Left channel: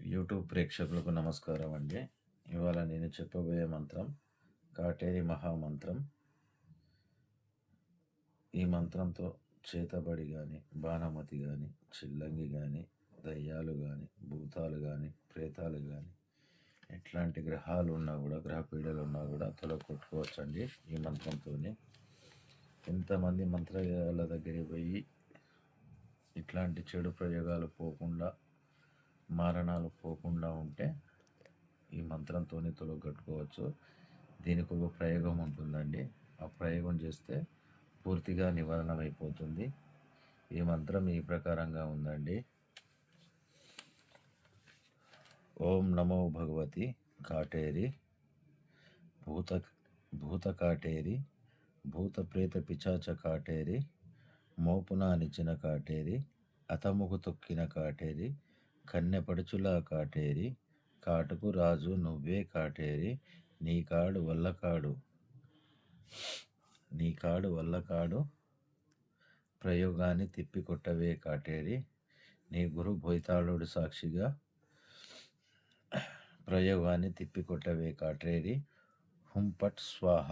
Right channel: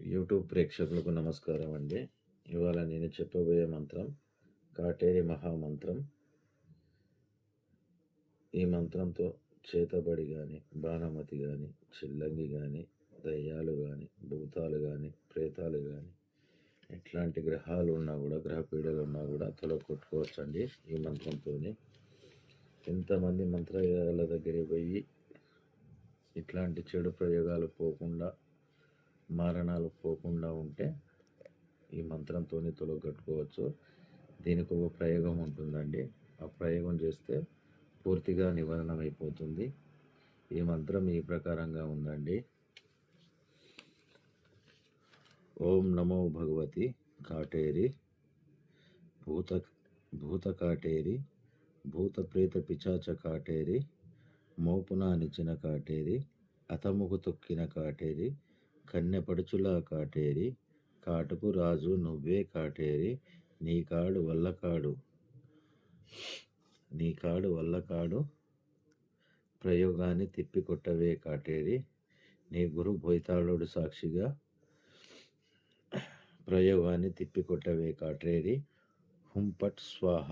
YouTube ప్రేక్షకులకు నమస్కారం అండి. ఇవాళ నేను చెప్పబోయే మంత్రం కాటేరి మహామంత్రం. ఈ మంత్రంతో చేతబడి కానీ, బాణమతి కానీ, చిల్లంగి కానీ, దయ్యాలు కానీ, భూతాలు కానీ, ప్రేతాలు కానీ, ఎట్లాంటి గ్రహాలు ఉన్నా కూడా, గ్రహ పీడలు ఉన్నా కూడా తొలగొట్టుకోవచ్చండి ఈ మంత్రంతోనే. ఎంతమంది మంత్రాల దగ్గరికి పోయి ఇట్లాంటి చెడు ప్రయోగాలు పోకుండా, మారణాలు పోకుండా ఉంటే ఈ మంత్రంతో తొలగొట్టుకోవచ్చు. దీనికి ఒక ప్రయోగం ఉంటుందండి. ఆ ప్రయోగం చేస్తే పూర్తిగా నివారణ అయిపోతుంది. ఈ మంత్రం ఈ ప్రకారంగా ఉందండి. ఓం నమో భగవతి కాటేరి భూత కాటేరి భూత ప్రేత పిచాచ కాటేరి మోపున నిచిన కాటేరి అతముకు తొక్కిన కాటేరి కన్నెపడుచులా కాటేరి కాటుకు రాజు నువ్వే కాటేరి నీకాడు వల్లకాడు ప్రయోగాన్ని తిప్పికొట్టవే కాటేరి నీ గురు భోయితాళుడు సాక్షిగా ప్రయోగాన్ని తిప్పికొట్టవే కాటేరి హుంపట్ స్వాహ.